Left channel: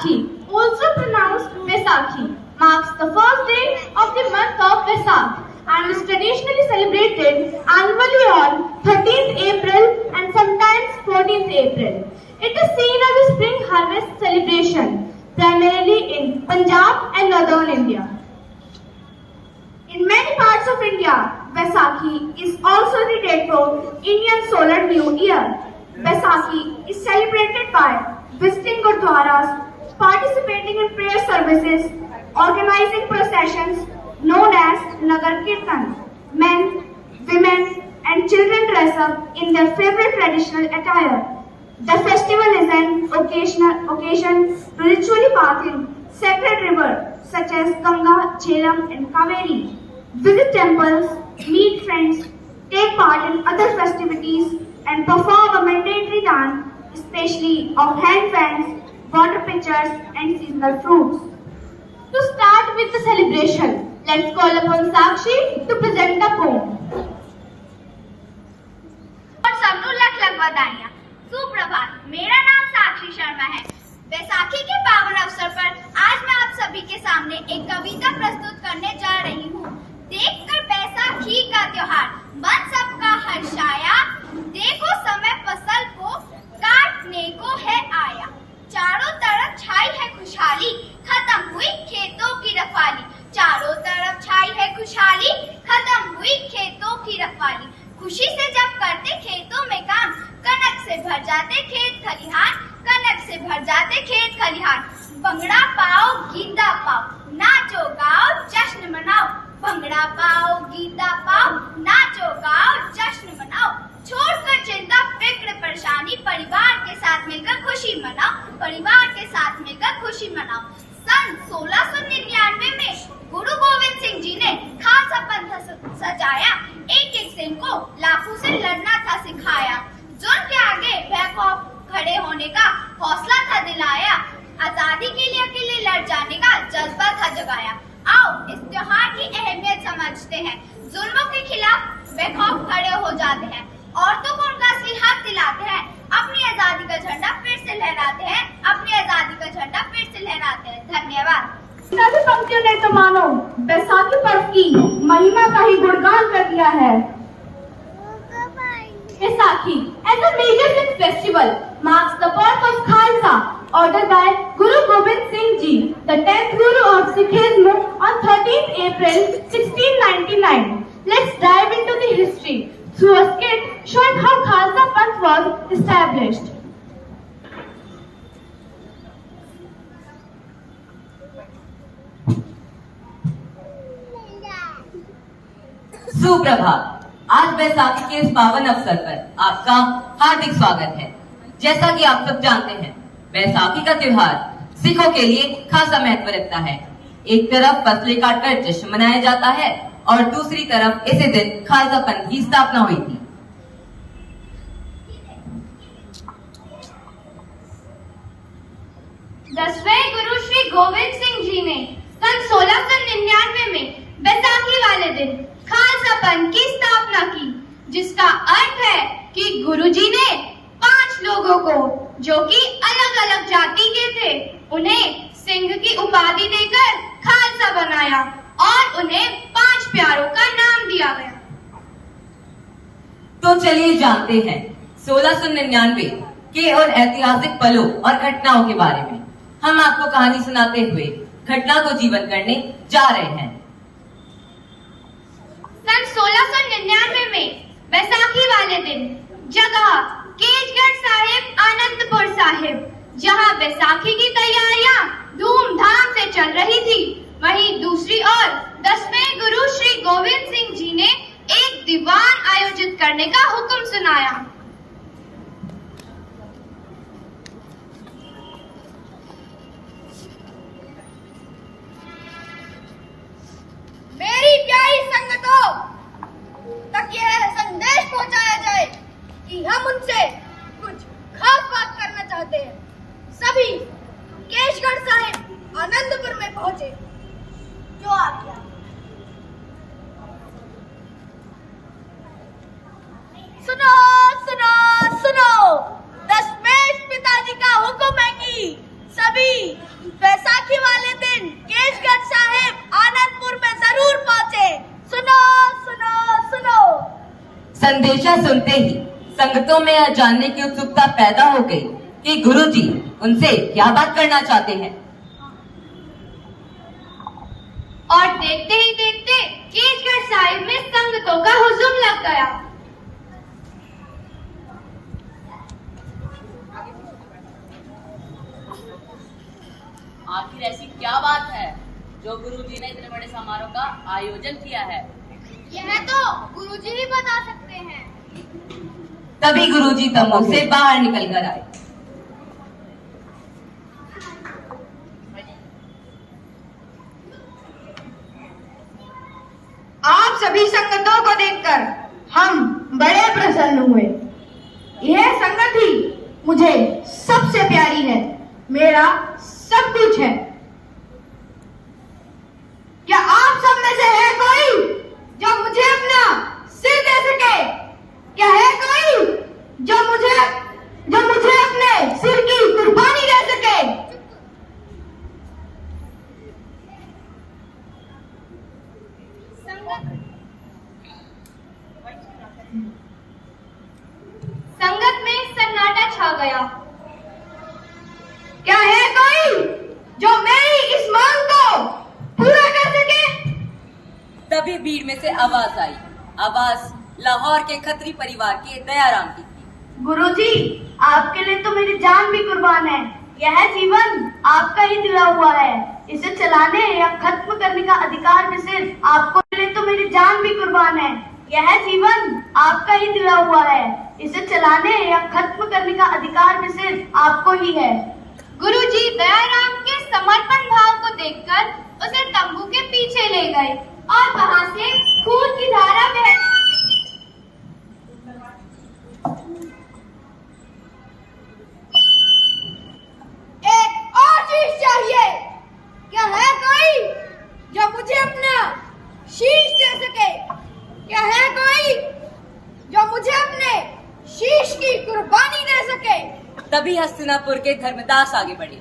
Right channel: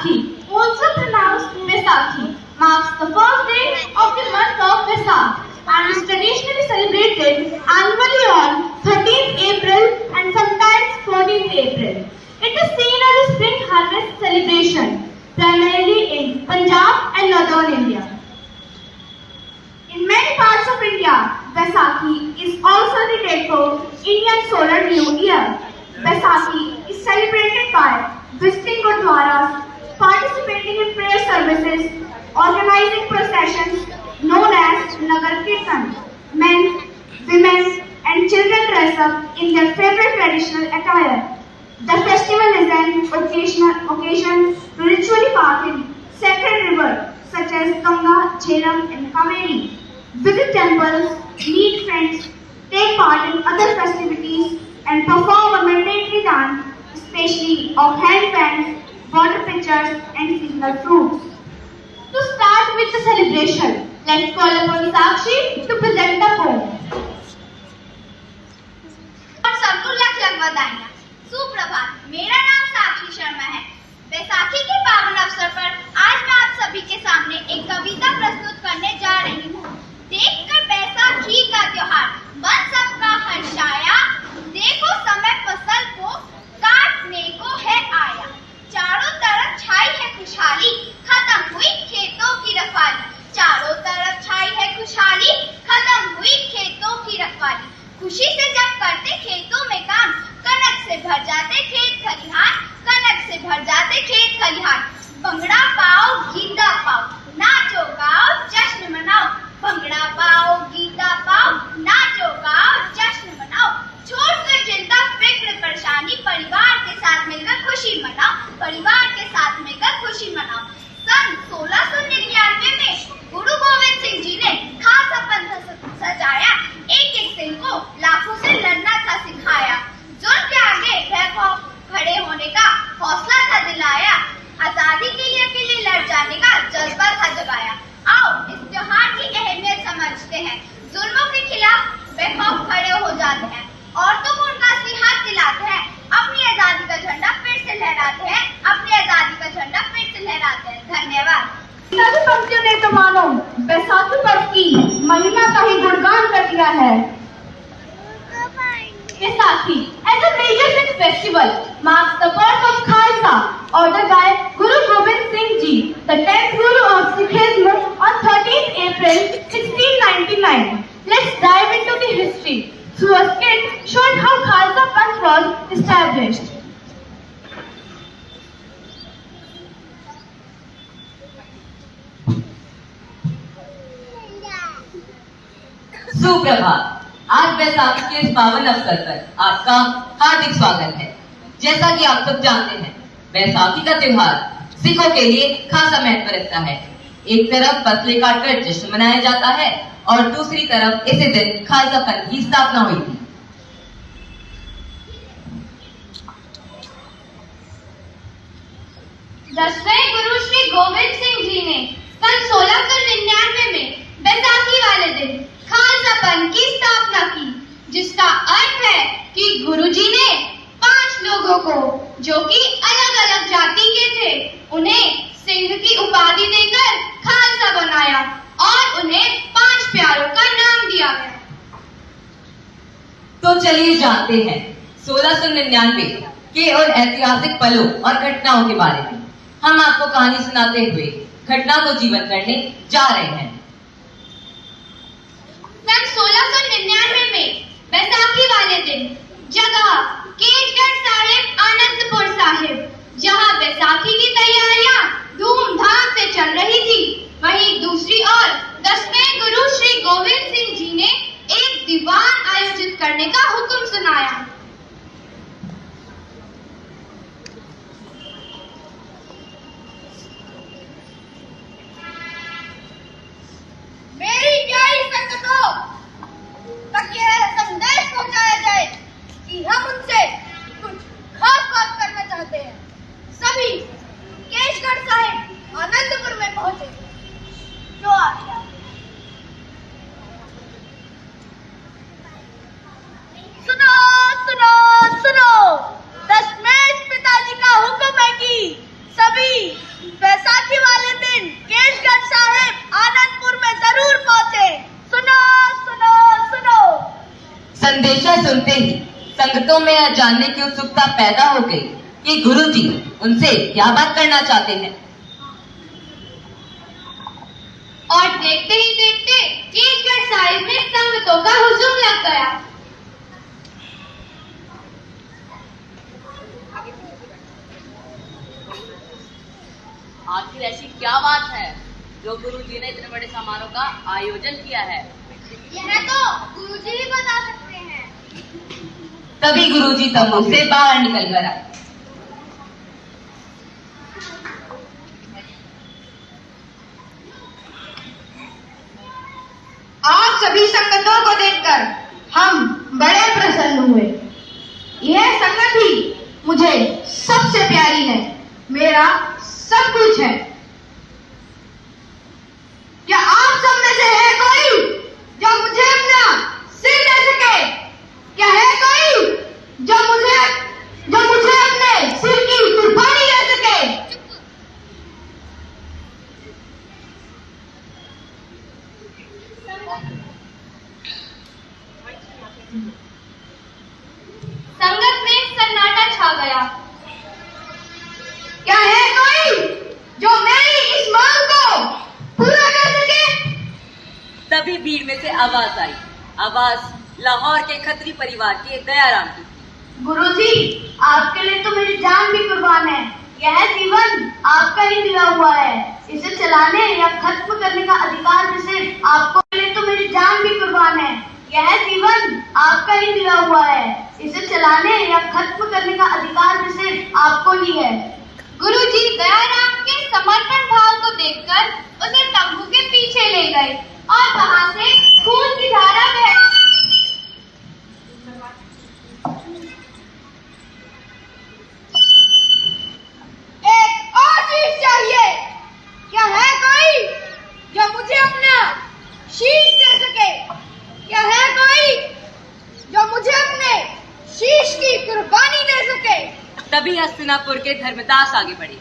Vaisakhi, also pronounced Vaisakhi, marks the first day of the month of Vaisakh and is traditionally celebrated annually on 13th April and sometimes 14th April. It is seen as a spring harvest celebration, primarily in Punjab and northern India. In many parts of India, Vaisakhi is also the date for Indian Solar New Year. Vaisakhi is celebrated by visiting Gurdwaras, participating in prayer services, organizing processions known as Nagar Kirtan. Men, women and children dress up in their favorite traditional attire. The festival is an occasion to ritually bath in sacred rivers such as Ganga, Jhelum and Kaveri. Visit temples, meet friends, take part in other festivities and perform a mandatory dance, especially of hand fans, water pitchers and seasonal fruits. To start with the celebration, let's call upon Sakshi to present the poem. और सबको लख लख बधाइयाँ। सुप्रभात, मेरा नाम साक्षी शर्मा है। बैसाखी के पावन अवसर पर आज मैं आप सभी के सामने एक कविता प्रस्तुत करने जा रही हूँ। देखकर बैसाखी का त्योहार मन सबका हर्षाया, देखो समय फसल को काटने को है आया। चारों तरफ छाई है खुशहाली, खत्म हुई खेतों की रखवाली। चारों तरफ छाई है खुशहाली, खत्म हुई खेतों की रखवाली। खुशी से जब करते खेतों में काम, कनक से भर जाते खेत खलिहान, कनक से भर जाते खेत खलिहान। भंगड़ा पाओ गीता पाओ, नाचो गाओ जश्न मनाओ। भंगड़ा पाओ गीता पाओ, नाचो गाओ जश्न मनाओ। छोड़कर चिंता फिक्र परेशानी, परिवार के साथ मिलकर खुशी मनाओ। परिवार के साथ मिलकर खुशी मनाओ। सन 1699 में गुरु गोविंद सिंह जी ने खालसा पंथ सजाया। एक एक सिंह को लाखों से लड़ना था सिखाया। जुल्म के आगे बेखौफ खड़े होने का हौसला था दिलाया। आजादी के लिए अकेले लड़ जाने का जज्बा था जगाया। आओ इस त्योहार की अहमियत समझते हैं। जुल्मों के खिलाफ बेखौफ खड़े हो जाते हैं। औरतों को उनका असली हक दिलाते हैं। अपनी आजादी का झंडा फिर से लहराते हैं। अपनी आजादी का झंडा फिर से लहराते हैं। धन्यवाद। सभी पंक्तियों ने तो मानो बैसाखी पर्व की महिमा का ही गुणगान कर दिया है। Vaisakhi, as a major Sikh festival, marks the birth of Khalsa, ordered by Guru Gobind Singh Ji, the 10th Guru of Sikhism, on 13th April 1699. Let's dive into the history through a skit showing how Khalsa Panth was established. सुप्रभात। आज बैसाखी के इस पावन अवसर पर आपका हार्दिक स्वागत है। जैसा कि आप सब जानते हैं, बैसाखी का त्योहार सिखों के लिए खासा महत्व रखता है। एक तरफ फसलें काटकर जश्न मनाया जाता है और दूसरी तरफ इसी दिन खालसा पंथ की स्थापना हुई थी। दसवें गुरु श्री गोविंद सिंह जी ने सन 1699 में बैसाखी वाले दिन खालसा पंथ की स्थापना की, जिसका अर्थ है कि गुरुजी ने 5 लोगों को, जो कि अलग अलग जाति के थे, उन्हें सिंह की उपाधि देकर खालसा बनाया और उन्हें 5 प्यारों का नाम दिया गया। तो चलिए जानते हैं 1699 के और ऐतिहासिक पलों और घटनाओं के बारे में। हम आपको कहानी सुनाते हुए घटना को जीवन करने जा रहे हैं। सन 1699 में बैसाखी वाले दिन जगह केजगढ़ साहिब, आनंदपुर साहिब, जहां बैसाखी की तैयारियां धूमधाम से चल रही थी, वहीं दूसरी ओर 10वें गुरु श्री गोविंद सिंह जी ने एक दीवान आयोजित करने का हुक्म सुनाया। मेरी प्यारी संगतों तक यह संदेश पहुंचाया जाए कि हम उनसे कुछ खास बात करना चाहते हैं। सभी केशगढ़ साहिब आनंदपुर में पहुंचे। जो आज्ञा। सुनो सुनो सुनो, दशमेश पिताजी का हुक्म है कि सभी बैसाखी वाले दिन केशगढ़ साहिब आनंदपुर में जरूर पहुंचे। सुनो सुनो सुनो। संदेशा सुनते ही संगतों में यह जानने की उत्सुकता पैदा हो गई कि गुरुजी उनसे क्या बात करना चाहते हैं। और देखते ही देखते केशगढ़ साहिब में संगतों का हुजूम लग गया। आखिर ऐसी क्या बात है जो गुरुजी ने इतने बड़े समारोह का आयोजन किया है? यह तो गुरुजी ही बता सकते हैं। तभी गुरुजी तंबू से बाहर निकल कर आए। आप सभी संगतों को देखकर हम बड़े प्रसन्न हुए। यह संगत ही मुझे सबसे प्यारी है, मेरा सब कुछ है। क्या आप सब में से है कोई जो मुझे अपना सिर दे सके? क्या है कोई जो मुझे अपने सिर की कुर्बानी दे सके? संगत में सन्नाटा छा गया। क्या है कोई जो मेरी इस मांग को पूरा कर सके? तभी भीड़ में से आवाज आई। आवाज लाहौर के खत्री परिवार के दयाराम की थी। गुरुजी, आपके लिए तो मेरी जान भी कुर्बान है। यह जीवन आपका ही दिया हुआ है। इसे चलाने या खत्म करने का अधिकार भी सिर्फ आपको। लिए तो मेरी जान भी कुर्बान है। यह जीवन आपका ही दिया हुआ है। इसे चलाने या खत्म करने का अधिकार भी सिर्फ आपको ही है। गुरुजी दयाराम के समर्पण भाव को देखकर उसे तंबू के पीछे ले गए और वहां से खून की धारा बह। एक और चीज चाहिए। क्या है कोई जो मुझे अपना शीश दे सके? क्या है कोई जो मुझे अपने शीश की कुर्बानी दे सके? तभी हस्तिनापुर के धर्मदास आगे बढ़े।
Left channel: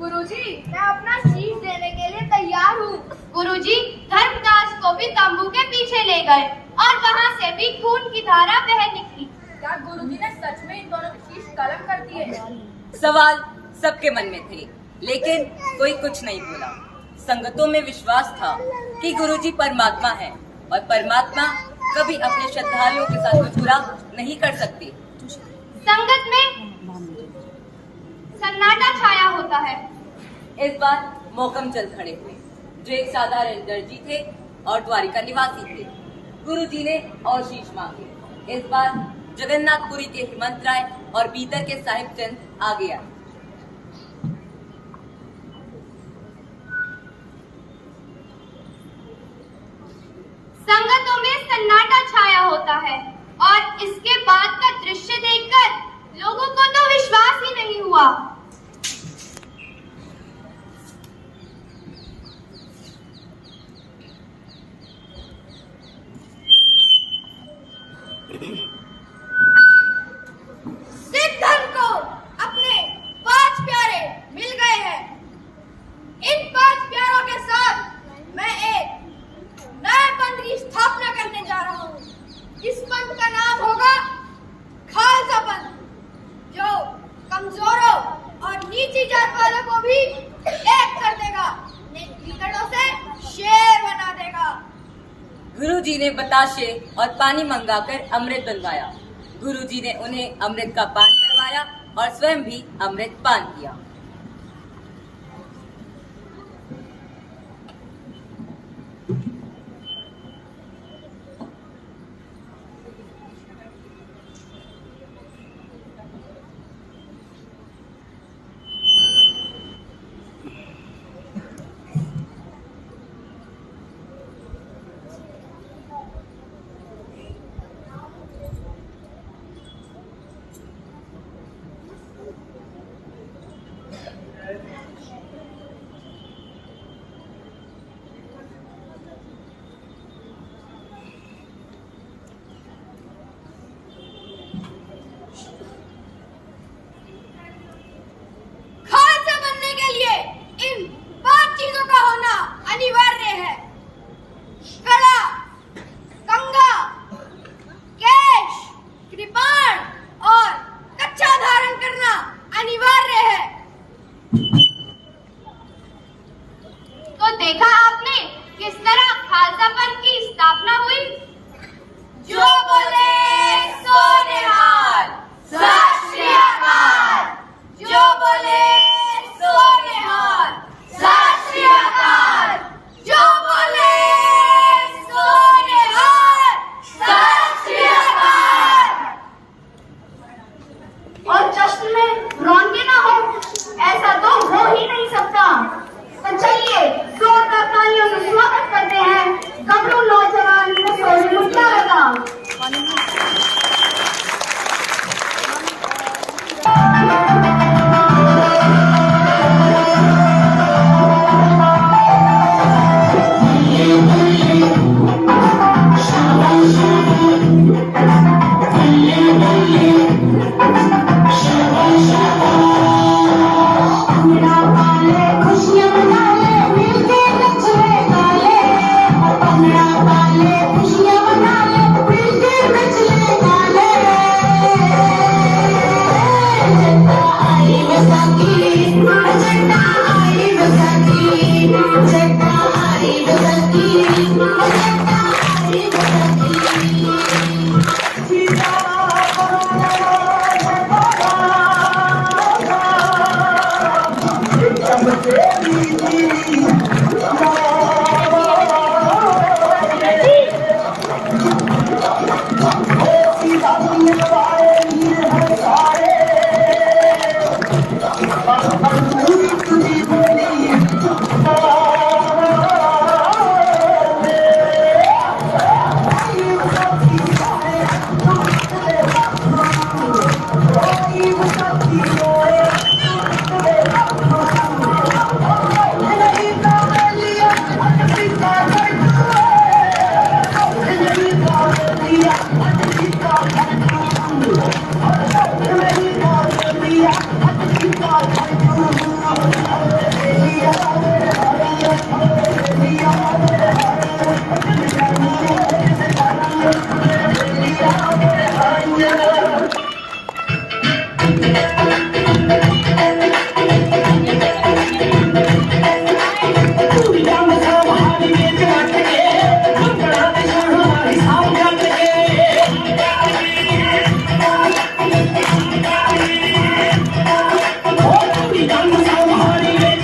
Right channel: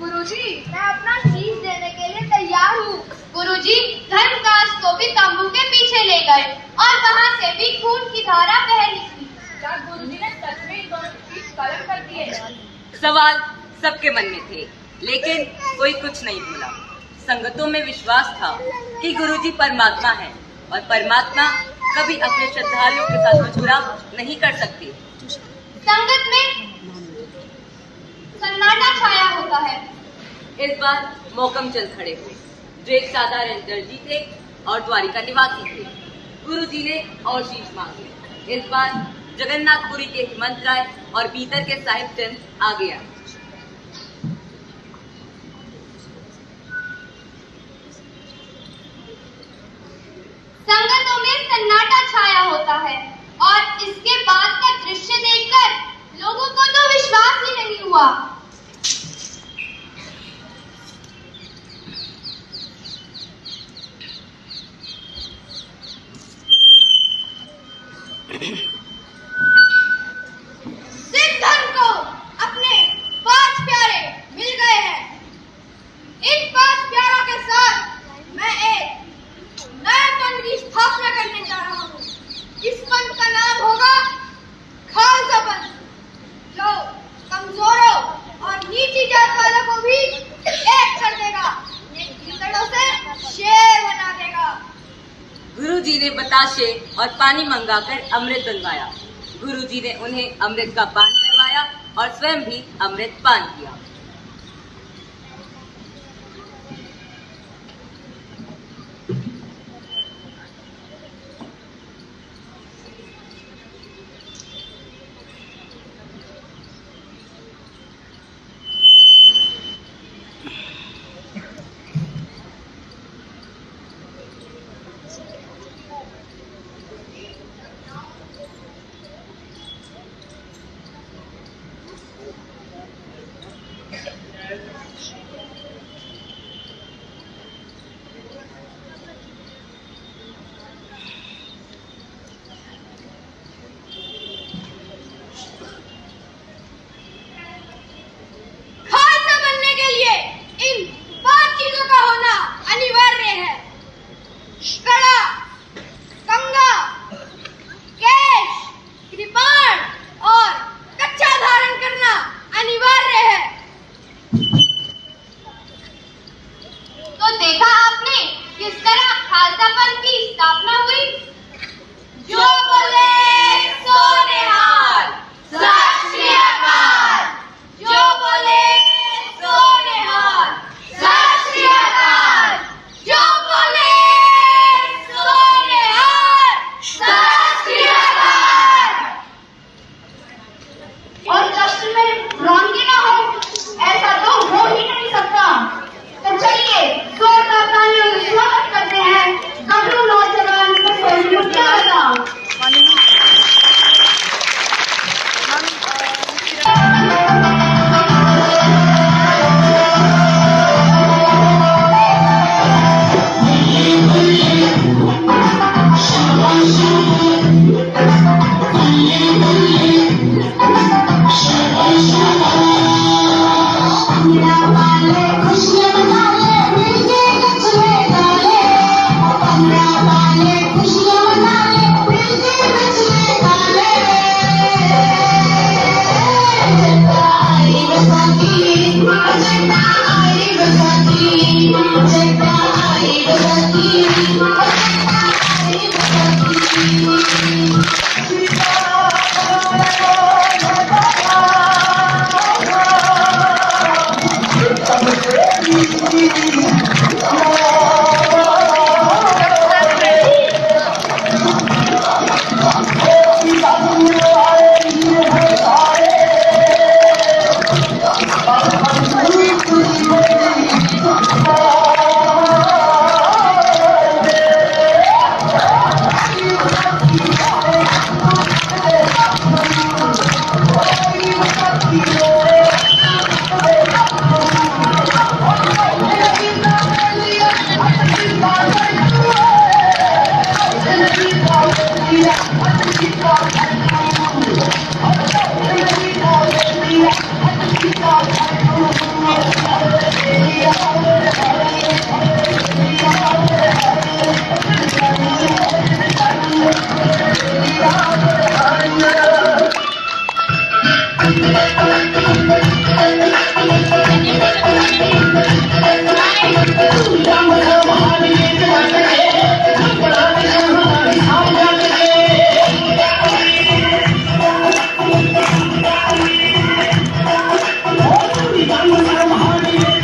गुरुजी, मैं अपना शीश देने के लिए तैयार हूँ। गुरुजी धर्मदास को भी तंबू के पीछे ले गए और वहां से भी खून की धारा बह निकली। क्या गुरुजी ने सच में इन दोनों की शीश कलम कर दी है? सवाल सबके मन में थे, लेकिन कोई कुछ नहीं बोला। संगतों में विश्वास था कि गुरुजी परमात्मा है और परमात्मा कभी अपने श्रद्धालुओं के साथ कुछ बुरा नहीं कर सकते। संगत में सन्नाटा छाया होता है। इस बार मोकम चल खड़े हुए, जो एक साधारण दर्जी थे और द्वारिका निवासी थे। गुरुजी ने और शीश मांगे। इस बार जगन्नाथपुरी के हेमंत राय और बीतर के साहिब चंद आगे आए। संगतों में सन्नाटा छाया होता है और इसके बाद का दृश्य देखकर लोगों को तो विश्वास ही नहीं हुआ। सिद्धन को अपने 5 प्यारे मिल गए हैं। इन 5 प्यारों के साथ मैं एक नए पंथ की स्थापना करने जा रहा हूँ। इस पंथ का नाम होगा खालसा पंथ, जो कमजोरों और नीची जात वालों को भी एक कर देगा, कीचड़ों से शेर बना देगा। गुरुजी ने बताशे और पानी मंगाकर अमृत बनवाया। गुरुजी ने उन्हें अमृत का पान करवाया और स्वयं भी अमृत पान किया। तो देखा आपने किस तरह खालसा पंथ की स्थापना हुई। जो बोले सो निहाल, सत श्री अकाल। जो बोले सो निहाल, सत श्री अकाल। जो बोले सो निहाल, सत श्री अकाल। और जश्न में रौनकें न हो, ऐसा तो हो ही नहीं सकता। तो चलिए जोरदार तालियों से स्वागत करते हैं गबरू नौजवान मिस मुस्कान का। Hãy subscribe cho kênh Ghiền Mì Gõ để không bỏ lỡ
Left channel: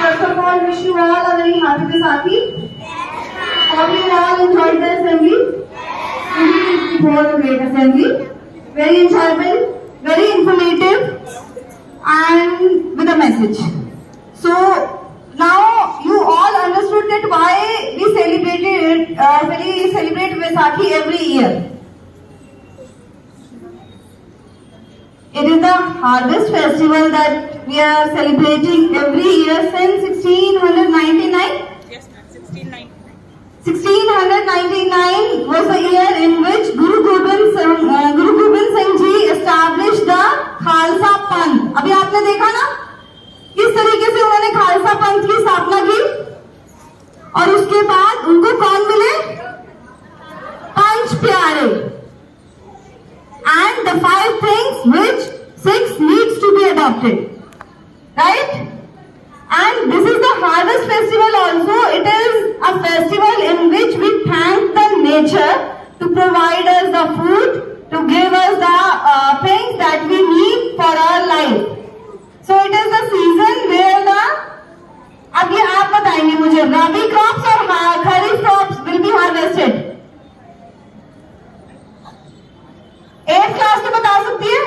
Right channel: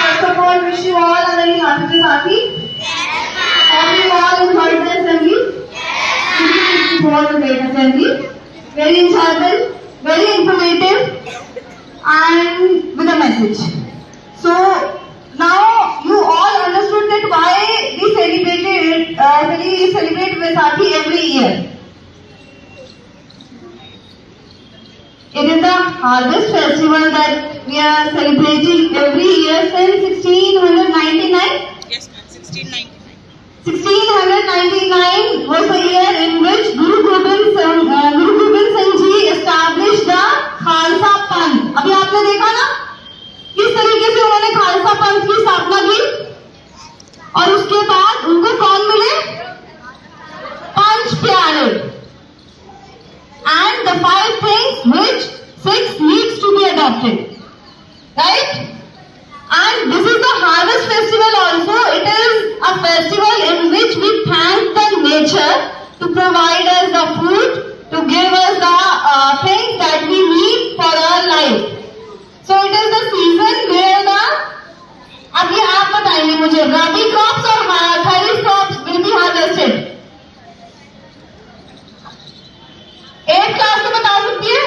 First of all, wish you all a very happy Vaisakhi. Have you all enjoyed the assembly? It was a great assembly. Very enjoyable, very informative, and with a message. So now you all understood that why we celebrate Vaisakhi every year. It is the harvest festival that we are celebrating every year since 1699. Yes, ma'am. 1699. 1699 was the year in which Guru Gobind Singh Ji established the Khalsa Panth. अभी आपने देखा ना किस तरीके से उन्होंने खालसा पंथ की स्थापना की और उसके बाद उनको कौन मिले? पंच प्यारे. And the 5 things which 6 needs to be adopted, right? And this is the harvest festival also. It is a festival in which we thank the nature to provide us the food, to give us the things that we need for our life. So it is the season where the, अब ये आप बताएंगे मुझे, rabi crops और kharif crops will be harvested. 8th class तो बता सकती है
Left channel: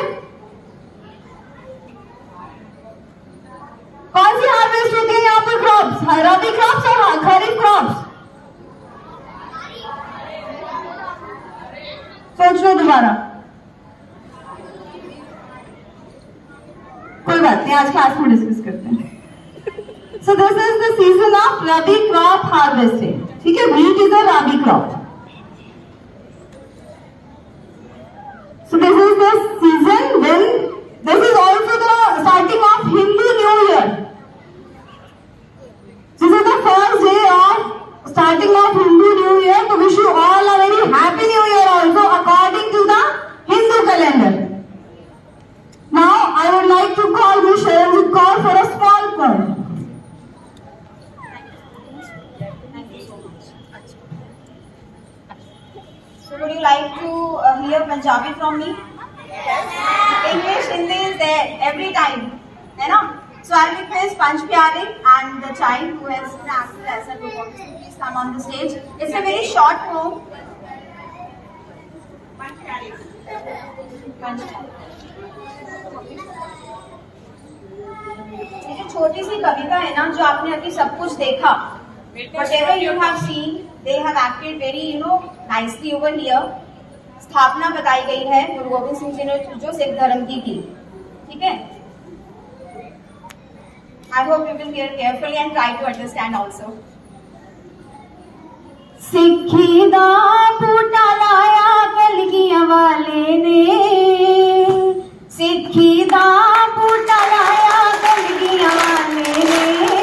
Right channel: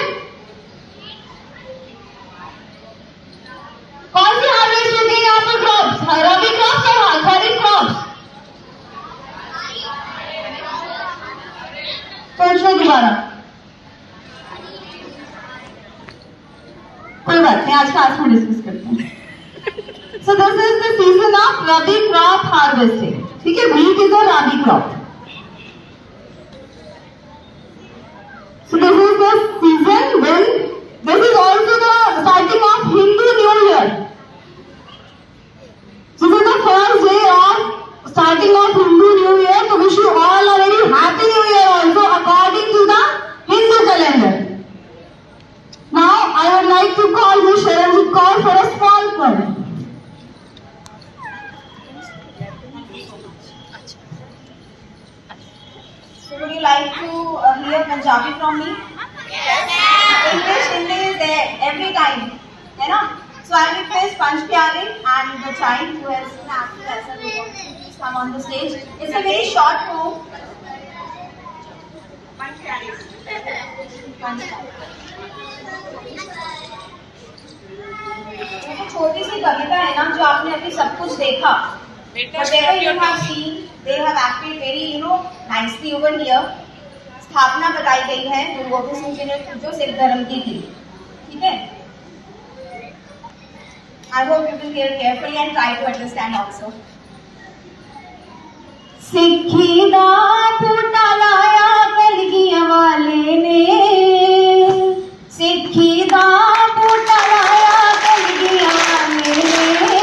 कौन सी हार्वेस्ट होती है यहाँ पर? क्रॉप्स, रबी क्रॉप्स और खरीफ क्रॉप्स. सोच लो दोबारा. कोई बात नहीं, आज क्लास में डिस्कस करते हैं. So this is the season of rabi crop harvesting. ठीक है, wheat is a rabi crop. So this is the season when this is also the starting of Hindu New Year. This is the first day of starting of Hindu New Year. So wish you all a very happy New Year also according to the Hindu calendar. Now I would like to call Ms. Sharanjit Kaur for a small poem. So would you like to hear Punjabi from me? Yes. English, Hindi is there every time, है ना? So I will request Panch Pyare and the child who has been acted as a group of please come on the stage. It's a very short poem. Panch Pyare. एक छोटी सी कविता है ना जो आपने अभी सब कुछ देखा. Whatever you have seen, they have acted very, nicely over here. स्थापना बताई गई है गुरु गोबिंद सिंह जी ने जो सिख धर्म की थी. ठीक है. I hope you will hear carefully and try to understand also. सिक्खी दा बूटा लाया कलगियां वाले ने, सिक्खी दा बूटा लाया कलगियां वाले ने,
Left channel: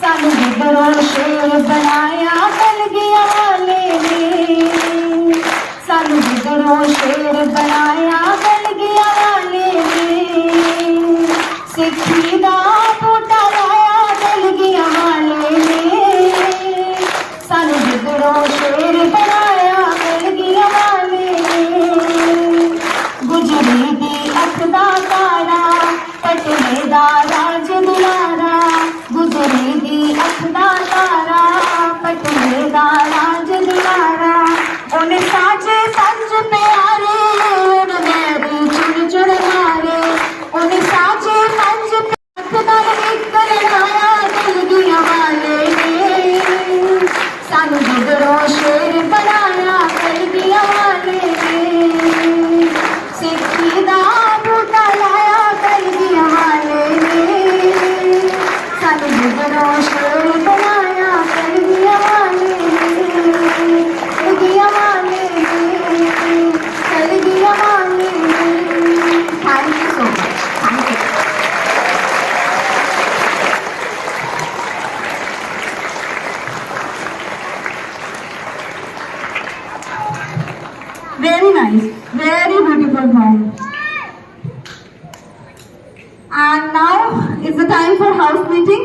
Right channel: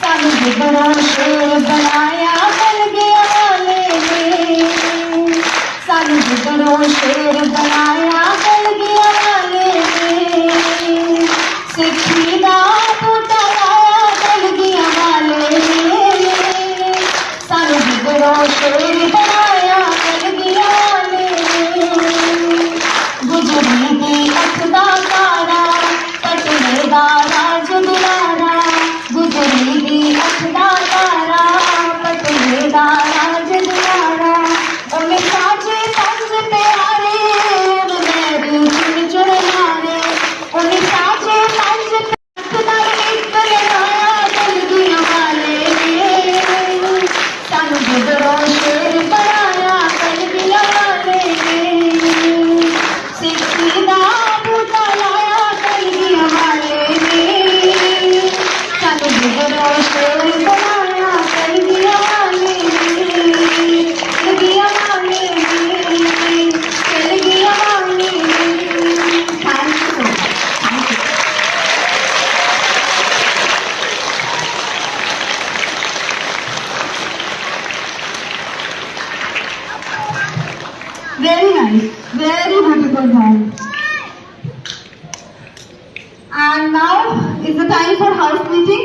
सानू गिदरों शेर बनाया कलगियां वाले ने, सानू गिदरों शेर बनाया कलगियां वाले ने, सिक्खी दा बूटा लाया कलगियां वाले ने, सानू गिदरों शेर बनाया कलगियां वाले ने, गुजरी दी अख दा तारा पटने दा राज दुलारा, गुजरी दी अख दा तारा पटने दा राज दुलारा, उन्हें साजे पंज प्यारे उन्हें चुन चुन मारे, उन्हें साजे पंज प्यारे एक बनाया कलगियां वाले ने, सानू गिदरों शेर बनाया कलगियां वाले ने, सिक्खी दा बूटा लाया कलगियां वाले ने, सानू गिदरों शेर बनाया कलगियां वाले ने, कलगियां वाले ने, कलगियां वाले ने. Thank you so much. Thank you. Very nice, very beautiful poem. And now is the time for house meeting.